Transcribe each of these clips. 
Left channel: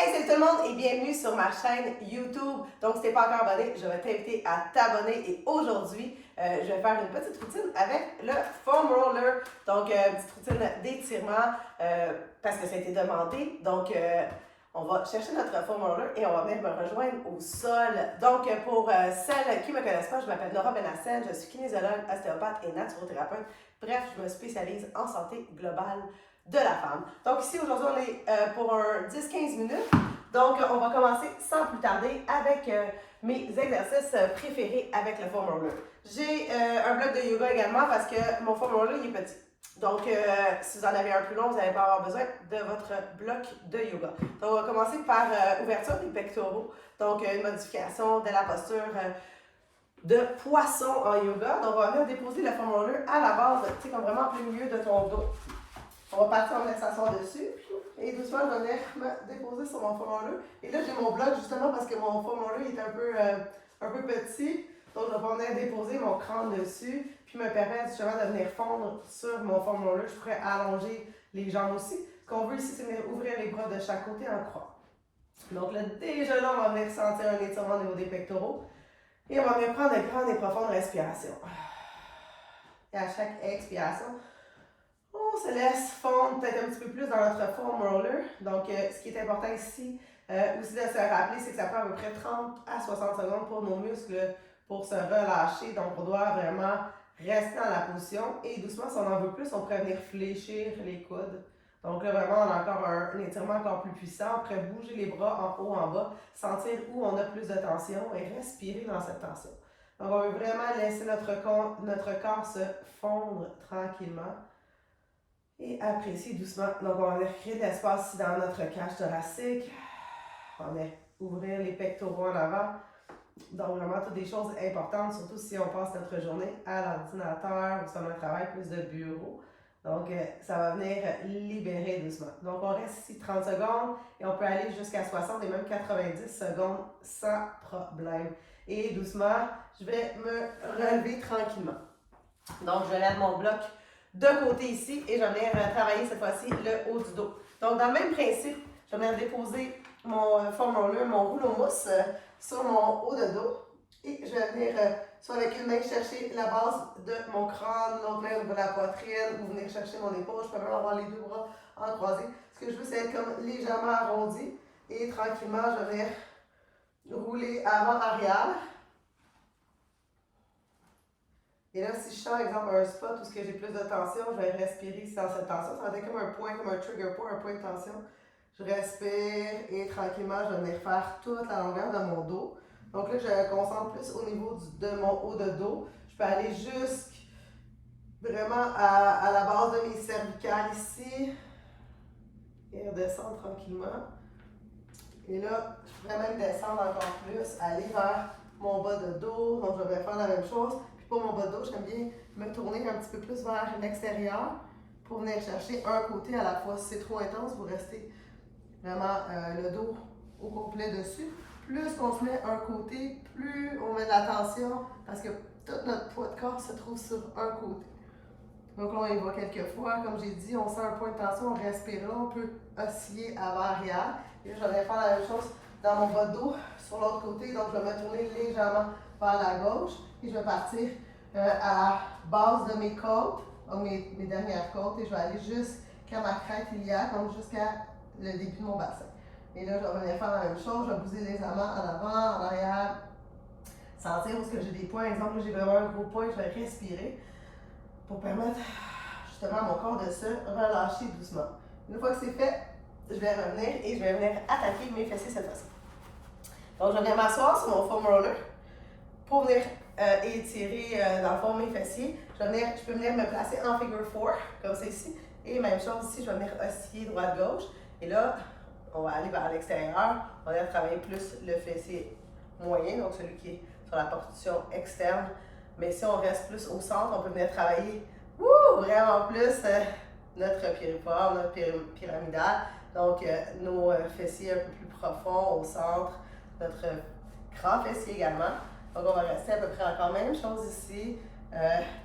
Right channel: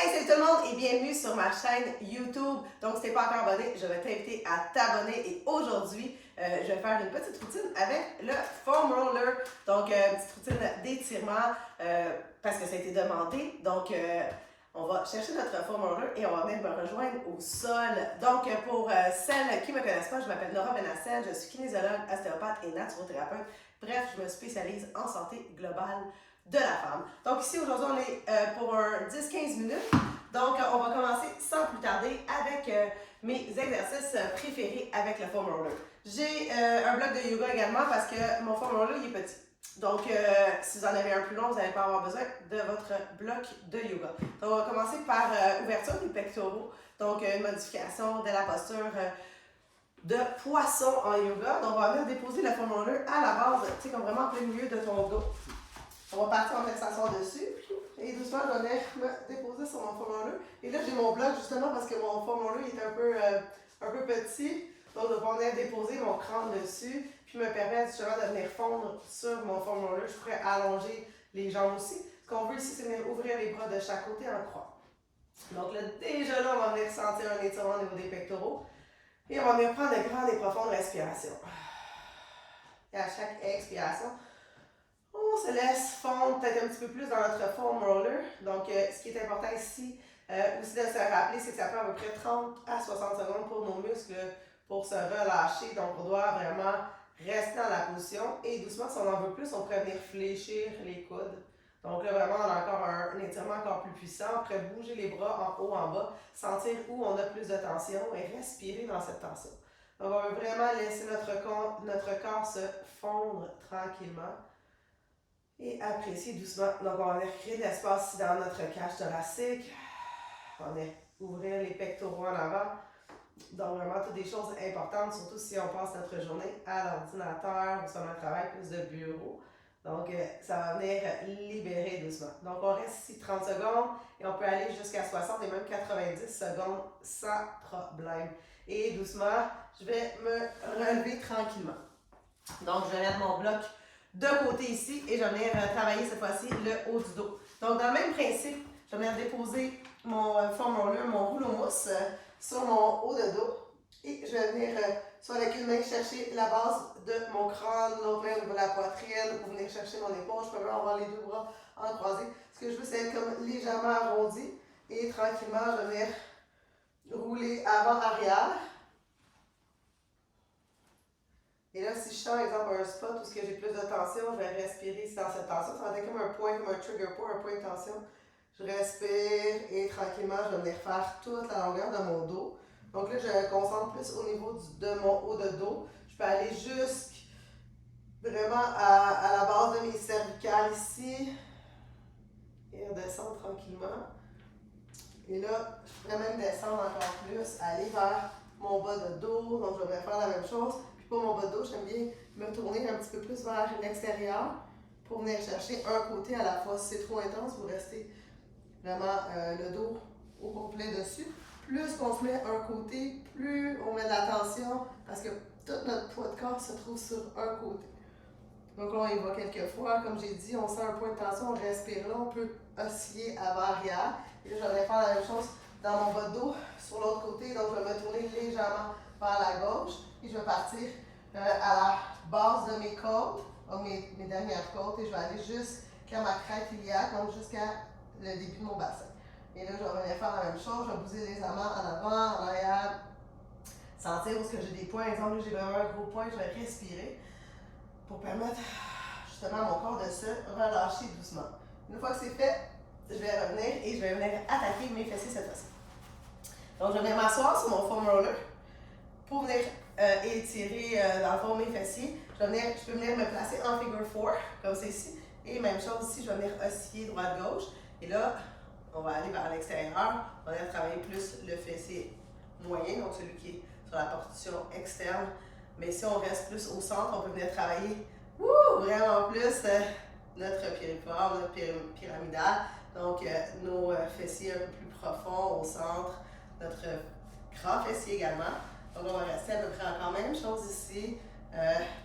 Hey, salut tout le monde et bienvenue sur ma chaîne YouTube. Donc, si tu n'es pas encore abonné, je vais t'inviter à t'abonner et aujourd'hui, je vais faire une petite routine avec le foam roller. Donc, une petite routine d'étirement parce que ça a été demandé. Donc, on va chercher notre foam roller et on va venir me rejoindre au sol. Donc, pour celles qui ne me connaissent pas, je m'appelle Nora Benassel, je suis kinésiologue, ostéopathe et naturothérapeute. Bref, je me spécialise en santé globale de la femme. Donc ici, aujourd'hui, on est pour un 10-15 minutes. Donc, on va commencer sans plus tarder avec mes exercices préférés avec le foam roller. J'ai un bloc de yoga également parce que mon foam roller, il est petit. Donc, si vous en avez un plus long, vous n'allez pas avoir besoin de votre bloc de yoga. Donc, on va commencer par ouverture des pectoraux. Donc, une modification de la posture de poisson en yoga. Donc, on va venir déposer le foam roller à la base, tu sais, comme vraiment en plein milieu de ton dos. On va partir en venir s'asseoir dessus. Et doucement, je vais venir me déposer sur mon foam roller. Et là, j'ai mon bloc justement parce que mon foam roller est un peu petit. Donc, je vais venir déposer mon crâne dessus. Puis me permettre justement de venir fondre sur mon foam roller. Je pourrais allonger les jambes aussi. Ce qu'on veut ici, c'est venir ouvrir les bras de chaque côté en croix. Donc là, déjà là, on va venir sentir un étirement au niveau des pectoraux. Et on va venir prendre de grandes et profondes respirations. Et à chaque expiration, on se laisse fondre peut-être un petit peu plus dans notre foam roller. Donc, ce qui est important ici, aussi de se rappeler, c'est que ça prend à peu près 30 à 60 secondes pour nos muscles pour se relâcher. Donc, on doit vraiment rester dans la position. Et doucement, si on en veut plus, on pourrait venir fléchir les coudes. Donc là, vraiment, on a encore un étirement encore plus puissant. On pourrait bouger les bras en haut, en bas, sentir où on a plus de tension et respirer dans cette tension. Donc, on veut vraiment laisser notre corps se fondre tranquillement. Et apprécier doucement. Donc, on va venir créer de l'espace ici dans notre cage thoracique. On va venir ouvrir les pectoraux en avant. Donc, vraiment, toutes des choses importantes, surtout si on passe notre journée à l'ordinateur ou si on a un travail plus de bureau. Donc, ça va venir libérer doucement. Donc, on reste ici 30 secondes et on peut aller jusqu'à 60 et même 90 secondes sans problème. Et doucement, je vais me relever tranquillement. Donc, je vais mettre mon bloc de côté ici et je vais venir travailler cette fois-ci le haut du dos. Donc, dans le même principe, je vais venir déposer mon foam roller, mon rouleau mousse sur mon haut de dos et je vais venir soit avec une main chercher la base de mon crâne, l'autre main de la poitrine ou venir chercher mon épaule. Je peux même avoir les deux bras en croisé. Ce que je veux, c'est être comme légèrement arrondi et tranquillement, je vais venir rouler avant-arrière. Et là, si je sens, par exemple, un spot où j'ai plus de tension, je vais respirer ici dans cette tension. Ça va être comme un point, comme un trigger point, un point de tension. Je respire et tranquillement, je vais venir faire toute la longueur de mon dos. Donc là, je me concentre plus au niveau de mon haut de dos. Je peux aller jusqu'à vraiment à la base de mes cervicales ici. Et redescendre tranquillement. Et là, je pourrais même descendre encore plus, aller vers mon bas de dos. Donc, je vais faire la même chose. Pour mon bas de dos, j'aime bien me tourner un petit peu plus vers l'extérieur pour venir chercher un côté à la fois. Si c'est trop intense, vous restez vraiment le dos au complet dessus. Plus on se met un côté, plus on met de la tension parce que tout notre poids de corps se trouve sur un côté. Donc là, on y va quelques fois. Comme j'ai dit, on sent un point de tension, on respire là, on peut osciller avant-arrière. Et là, je vais faire la même chose dans mon bas de dos sur l'autre côté. Donc, je vais me tourner légèrement vers la gauche. Et je vais partir à la base de mes côtes, donc mes dernières côtes, et je vais aller jusqu'à ma crête iliaque, donc jusqu'à le début de mon bassin. Et là, je vais venir faire la même chose, je vais bouger légèrement en avant, en arrière, sentir où est-ce que j'ai des points. Exemple, là, j'ai vraiment un gros point, je vais respirer pour permettre justement à mon corps de se relâcher doucement. Une fois que c'est fait, je vais revenir et je vais venir attaquer mes fessiers cette fois-ci. Donc, je vais venir m'asseoir sur mon foam roller pour venir étirer dans le fond mes fessiers. Je peux venir me placer en figure 4, comme c'est ici. Et même chose ici, je vais venir osciller droite-gauche. Et là, on va aller vers l'extérieur. On va venir travailler plus le fessier moyen, donc celui qui est sur la portion externe. Mais si on reste plus au centre, on peut venir travailler vraiment plus notre piriforme, notre pyramidal. Donc, nos fessiers un peu plus profonds au centre, notre grand fessier également. Donc, on va rester à peu près encore même chose ici,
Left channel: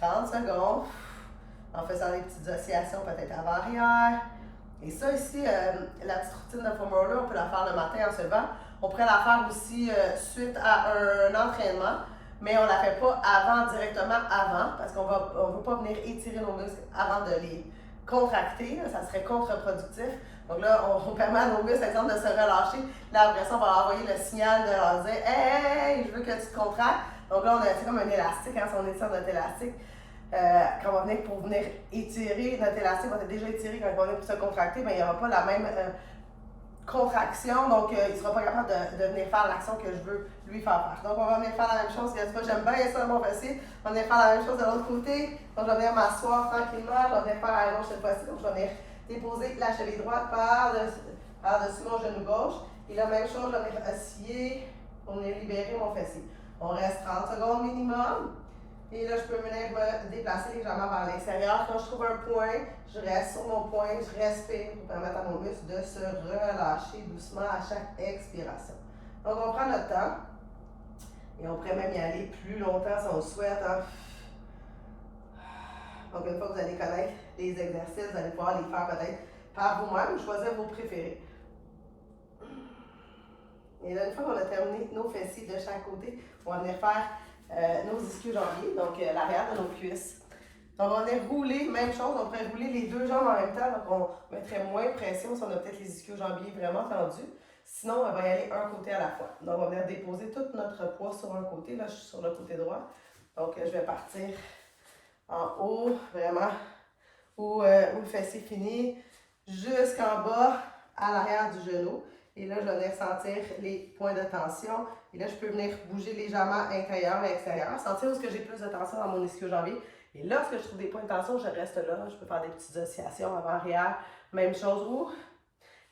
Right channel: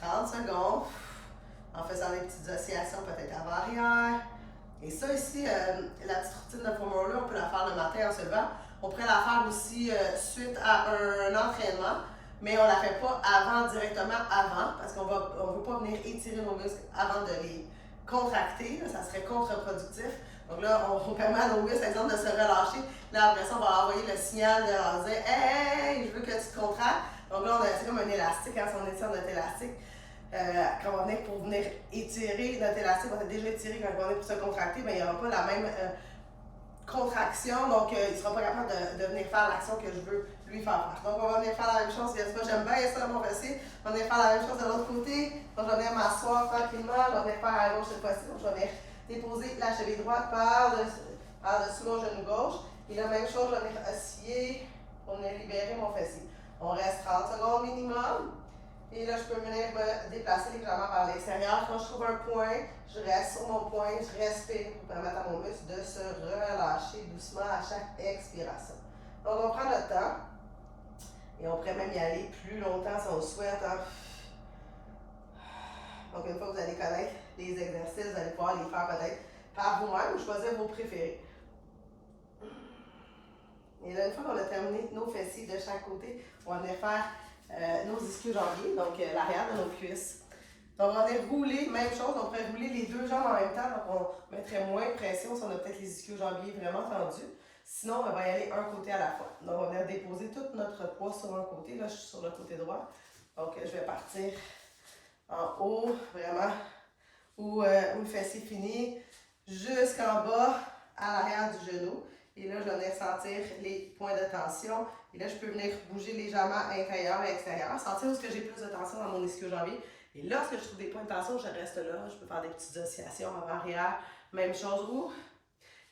30 secondes, en faisant des petites oscillations peut-être avant-arrière, Et ça ici, la petite routine de foam roller, on peut la faire le matin en se levant. On pourrait la faire aussi suite à un entraînement, mais on ne la fait pas directement avant, parce qu'on ne veut pas venir étirer nos muscles avant de les contracter, là, ça serait contre-productif. Donc là, on permet à nos muscles, par exemple, de se relâcher. Là, après ça, on va envoyer le signal de leur dire « Hey, je veux que tu te contractes ». Donc là, c'est comme un élastique, hein, si on étire notre élastique. Quand on va venir pour venir étirer, notre élastique va être déjà étiré quand on va venir pour se contracter, mais il n'y aura pas la même contraction, donc il ne sera pas capable de venir faire l'action que je veux lui faire faire. Donc on va venir faire la même chose, j'aime bien ça mon fessier, on va venir faire la même chose de l'autre côté, donc je vais venir m'asseoir tranquillement, je vais venir faire à gauche cette fois-ci, donc je vais venir déposer la cheville droite par-dessus mon genou gauche, et la même chose, je vais venir osciller pour venir libérer mon fessier. On reste 30 secondes minimum. Et là, je peux venir me déplacer légèrement vers l'extérieur. Quand je trouve un point, je reste sur mon point, je respire pour permettre à mon muscle de se relâcher doucement à chaque expiration. Donc, on prend notre temps et on pourrait même y aller plus longtemps si on le souhaite. Hein. Donc, une fois que vous allez connaître les exercices, vous allez pouvoir les faire peut-être par vous-même ou choisir vos préférés. Et là, une fois qu'on a terminé nos fessiers de chaque côté, on va venir faire nos ischio-jambiers, donc l'arrière de nos cuisses. Donc, on va venir rouler, même chose, on pourrait rouler les deux jambes en même temps, donc on mettrait moins de pression si on a peut-être les ischio-jambiers vraiment tendus. Sinon, on va y aller un côté à la fois. Donc, on va venir déposer tout notre poids sur un côté. Là, je suis sur le côté droit. Donc, je vais partir en haut, vraiment, où le fessier finit, jusqu'en bas, à l'arrière du genou. Et là, je vais venir sentir les points de tension. Et là, je peux venir bouger légèrement intérieur et extérieur. Sentir où est-ce que j'ai plus de tension dans mon ischio-jambier. Et lorsque je trouve des points de tension, je reste là. Je peux faire des petites oscillations avant-arrière. Même chose.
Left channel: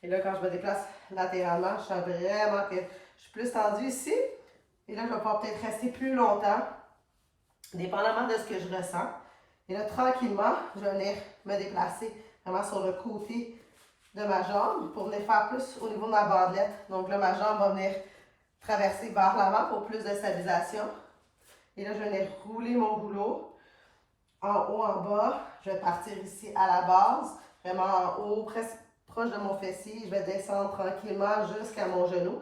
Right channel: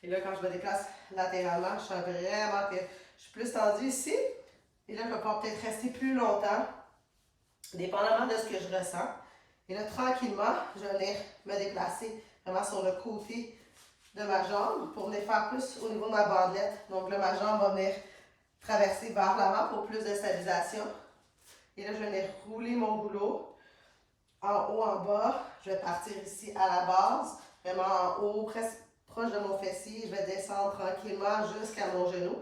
Et là, quand je me déplace latéralement, je sens vraiment que je suis plus tendue ici. Et là, je vais pouvoir peut-être rester plus longtemps, dépendamment de ce que je ressens. Et là, tranquillement, je vais venir me déplacer vraiment sur le côté de ma jambe pour venir faire plus au niveau de ma bandelette. Donc là, ma jambe va venir traverser vers l'avant pour plus de stabilisation. Et là, je vais venir rouler mon rouleau en haut, en bas. Je vais partir ici à la base, vraiment en haut, presque proche de mon fessier. Je vais descendre tranquillement jusqu'à mon genou.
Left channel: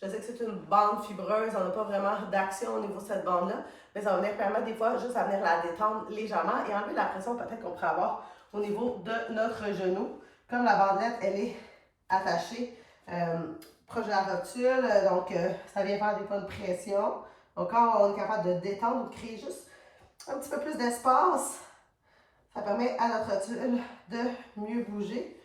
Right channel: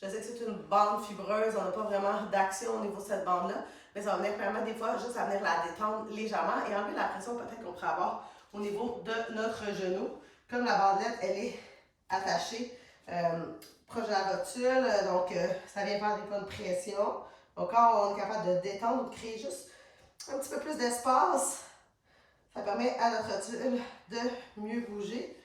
Je sais que c'est une bande fibreuse, on n'a pas vraiment d'action au niveau de cette bande-là, mais ça va venir permettre des fois juste à venir la détendre légèrement et enlever la pression peut-être qu'on pourrait avoir au niveau de notre genou. Comme la bandelette, elle est attachée proche de la rotule, donc ça vient faire des fois de pression. Donc quand on est capable de détendre ou de créer juste un petit peu plus d'espace, ça permet à notre rotule de mieux bouger.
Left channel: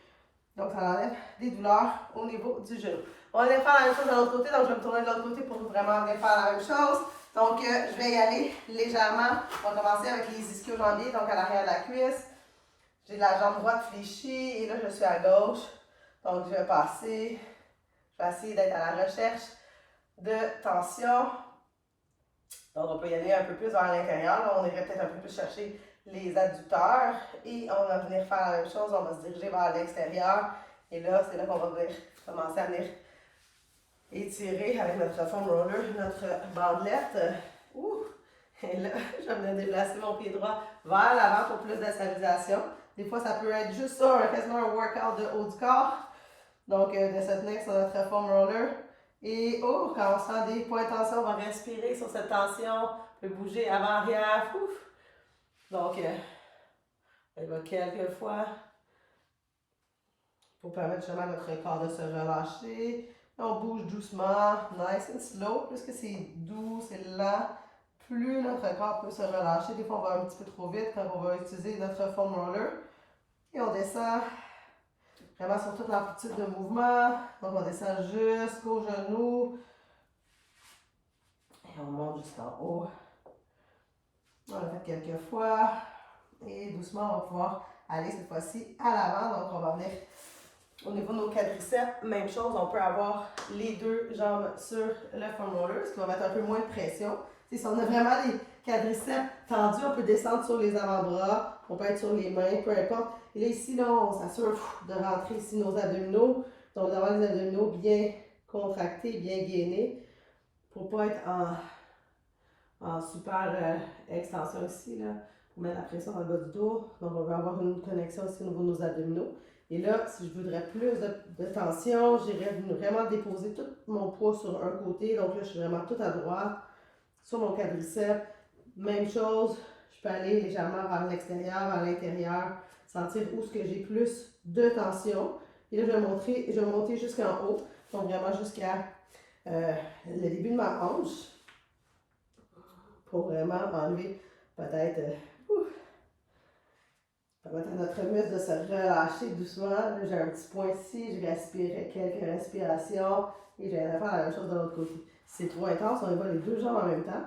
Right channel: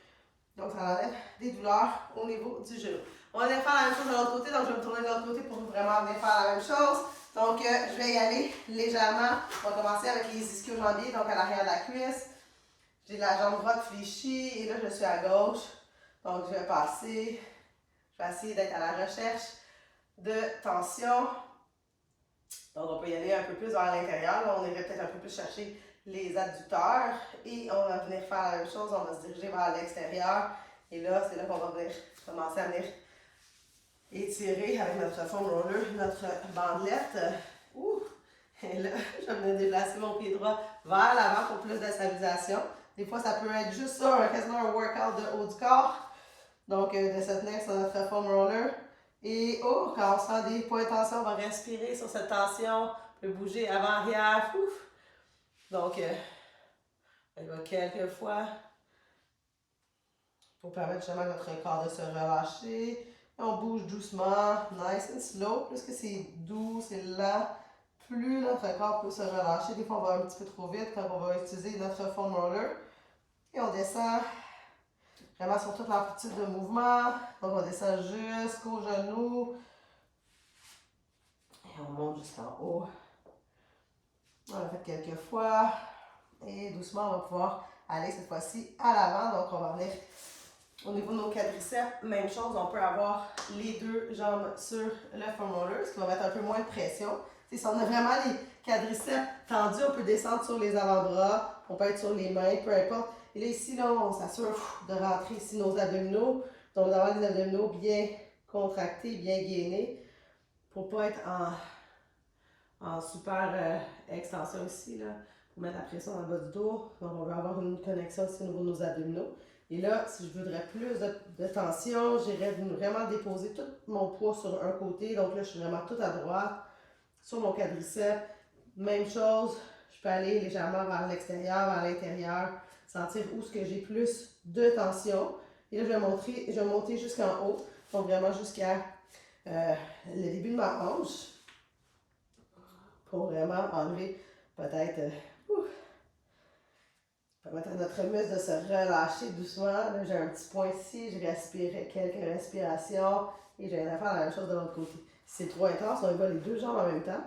Donc ça enlève des douleurs au niveau du genou. On va venir faire la même chose de l'autre côté, donc je vais me tourner de l'autre côté pour vraiment venir faire la même chose. Donc je vais y aller légèrement. On va commencer avec les ischio-jambiers, donc à l'arrière de la cuisse. J'ai la jambe droite fléchie et là je suis à gauche. Donc je vais passer, je vais essayer d'être à la recherche de tension. Donc on peut y aller un peu plus vers l'intérieur. On irait peut-être un peu plus chercher les adducteurs et on va venir faire la même chose. On va se diriger vers l'extérieur. Et là, c'est là qu'on va venir commencer à venir étirer avec notre foam roller, notre bandelette. Et là, je vais venir déplacer mon pied droit vers l'avant pour plus de stabilisation. Des fois, ça peut être juste ça, quasiment un workout de haut du corps. Donc, de se tenir sur notre foam roller. Et quand on sent des points de tension, on va respirer sur cette tension. On peut bouger avant-arrière. Donc, il va quelques fois pour permettre justement à notre corps de se relâcher. On bouge doucement, nice and slow. Plus que c'est doux, c'est lent, plus notre corps peut se relâcher. Des fois, on va un petit peu trop vite quand on va utiliser notre foam roller. Et on descend vraiment sur toute l'amplitude de mouvement. Donc, on descend jusqu'au genou. Et on monte jusqu'en haut. On l'a fait quelques fois. Et doucement, on va pouvoir aller cette fois-ci à l'avant. Donc, on va venir au niveau de nos quadriceps. Même chose, on peut avoir les deux jambes sur le foam roller, ce qui va mettre un peu moins de pression. T'sais, si on a vraiment les quadriceps tendus, on peut descendre sur les avant-bras, on peut être sur les mains, peu importe. Et là, ici, là, on s'assure de rentrer ici nos abdominaux. Donc, d'avoir les abdominaux bien contractés, bien gainés, pour ne pas être en super extension ici, là, pour mettre la pression dans le bas du dos. Donc, on va avoir une connexion aussi au niveau de nos abdominaux. Et là, si je voudrais plus de tension, j'irais vraiment déposer tout mon poids sur un côté. Donc là, je suis vraiment tout à droite sur mon quadriceps. Même chose, je peux aller légèrement vers l'extérieur, vers l'intérieur, sentir où est-ce que j'ai plus de tension. Et là, je vais monter jusqu'en haut, donc vraiment jusqu'à le début de ma hanche, pour vraiment enlever peut-être, permettre à notre muscle de se relâcher doucement. Là, j'ai un petit point ici, je respire quelques respirations et je viens de faire la même chose de l'autre côté. Si c'est trop intense, on y va les deux jambes en même temps.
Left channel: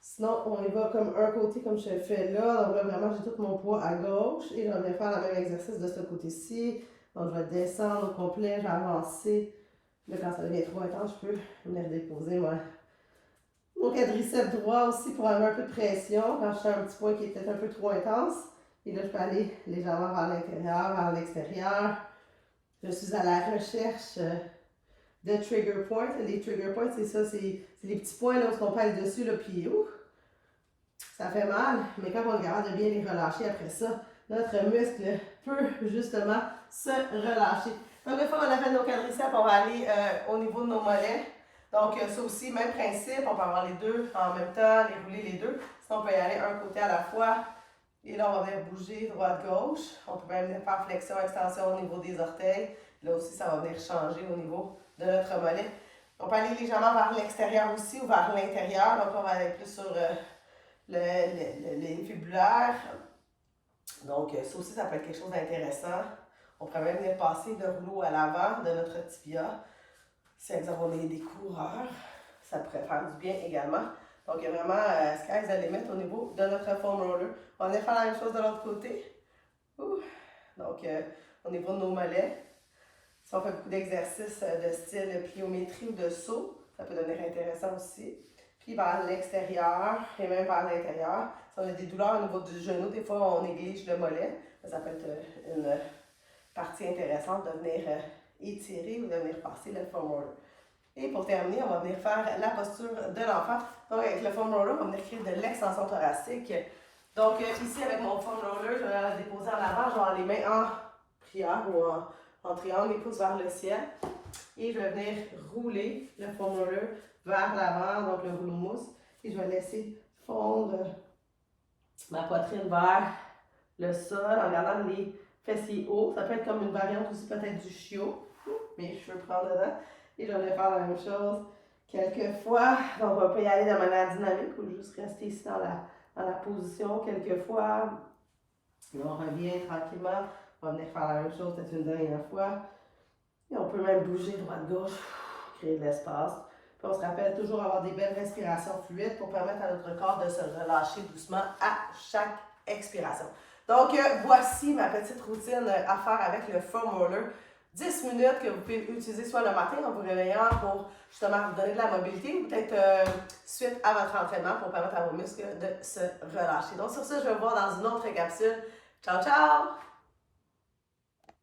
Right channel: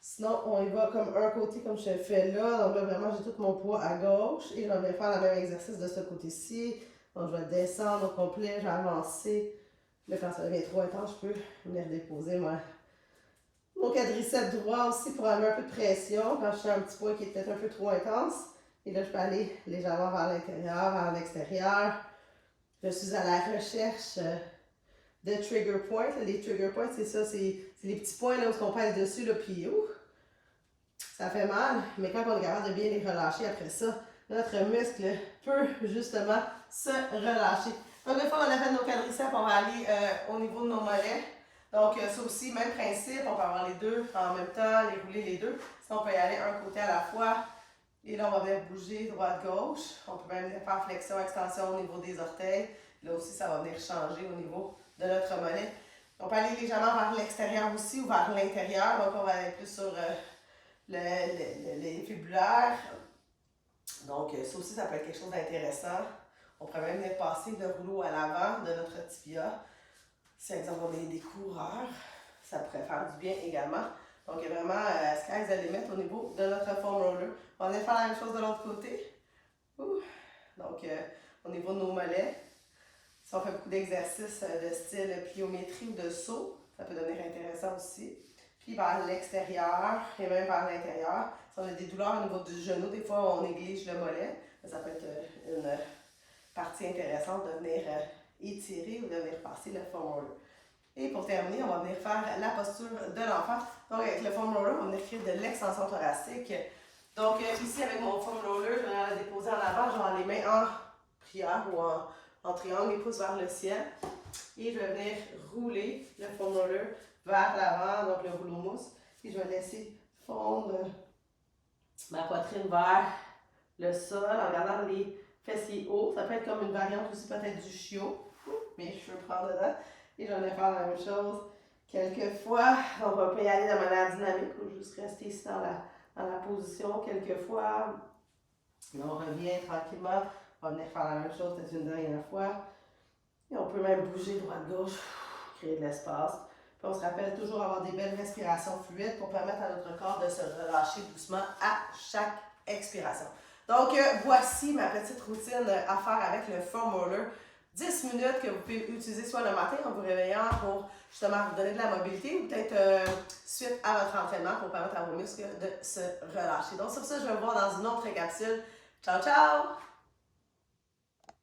Sinon, on y va comme un côté, comme je fais là. Donc là, vraiment, j'ai tout mon poids à gauche. Et je vais faire le même exercice de ce côté-ci. Donc, je vais descendre au complet, je vais avancer. Là, quand ça devient trop intense, je peux venir déposer mon quadriceps droit aussi pour avoir un peu de pression. Quand je fais un petit point qui est peut-être un peu trop intense. Et là, je peux aller légèrement vers l'intérieur, vers l'extérieur. Je suis à la recherche de trigger points. Les trigger points, c'est ça, c'est les petits points là, où on pèse dessus, là, puis ça fait mal, mais quand on est capable de bien les relâcher après ça, notre muscle peut justement se relâcher. Donc, une fois qu'on a fait nos quadriceps, on va aller au niveau de nos mollets. Donc, ça aussi, même principe, on peut avoir les deux en même temps, les rouler les deux. Sinon, on peut y aller un côté à la fois. Et là, on va venir bouger droite-gauche. On peut même venir faire flexion-extension au niveau des orteils. Là aussi, ça va venir changer au niveau de notre mollet. On peut aller légèrement vers l'extérieur aussi ou vers l'intérieur. Donc, on va aller plus sur les fibulaires. Donc, ça aussi, ça peut être quelque chose d'intéressant. On pourrait même venir passer le rouleau à l'avant de notre tibia. Si, par exemple, on est des coureurs, ça pourrait faire du bien également. Donc, il y a vraiment sky's the limit au niveau de notre foam roller. On va venir faire la même chose de l'autre côté. Donc, au niveau de nos mollets, si on fait beaucoup d'exercices de style pliométrie ou de saut, ça peut devenir intéressant aussi. Puis vers l'extérieur et même vers l'intérieur. Si on a des douleurs au niveau du genou, des fois on néglige le mollet. Ça peut être une partie intéressante de venir étirer ou de venir passer le foam roller. Et pour terminer, on va venir faire la posture de l'enfant. Donc avec le foam roller, on va venir créer de l'extension thoracique. Donc ici avec mon foam roller, je vais la déposer en avant, je vais avoir les mains en prière ou en triangle, les pouces vers le ciel. Et je vais venir rouler le foam roller vers l'avant, donc le rouleau mousse. Et je vais laisser fondre ma poitrine vers le sol en gardant les fessiers hauts. Ça peut être comme une variante aussi peut-être du chiot. Mes cheveux prendre dedans. Et je vais faire la même chose quelques fois. Donc on peut y aller de manière dynamique ou juste rester ici dans la position quelques fois. Et on revient tranquillement. On va venir faire la même chose peut-être une dernière fois. Et on peut même bouger droite-gauche, créer de l'espace. Puis on se rappelle toujours avoir des belles respirations fluides pour permettre à notre corps de se relâcher doucement à chaque expiration. Donc, voici ma petite routine à faire avec le foam roller. 10 minutes que vous pouvez utiliser soit le matin en vous réveillant pour justement vous donner de la mobilité ou peut-être suite à votre entraînement pour permettre à vos muscles de se relâcher. Donc, sur ça, je vais vous voir dans une autre capsule. Ciao, ciao!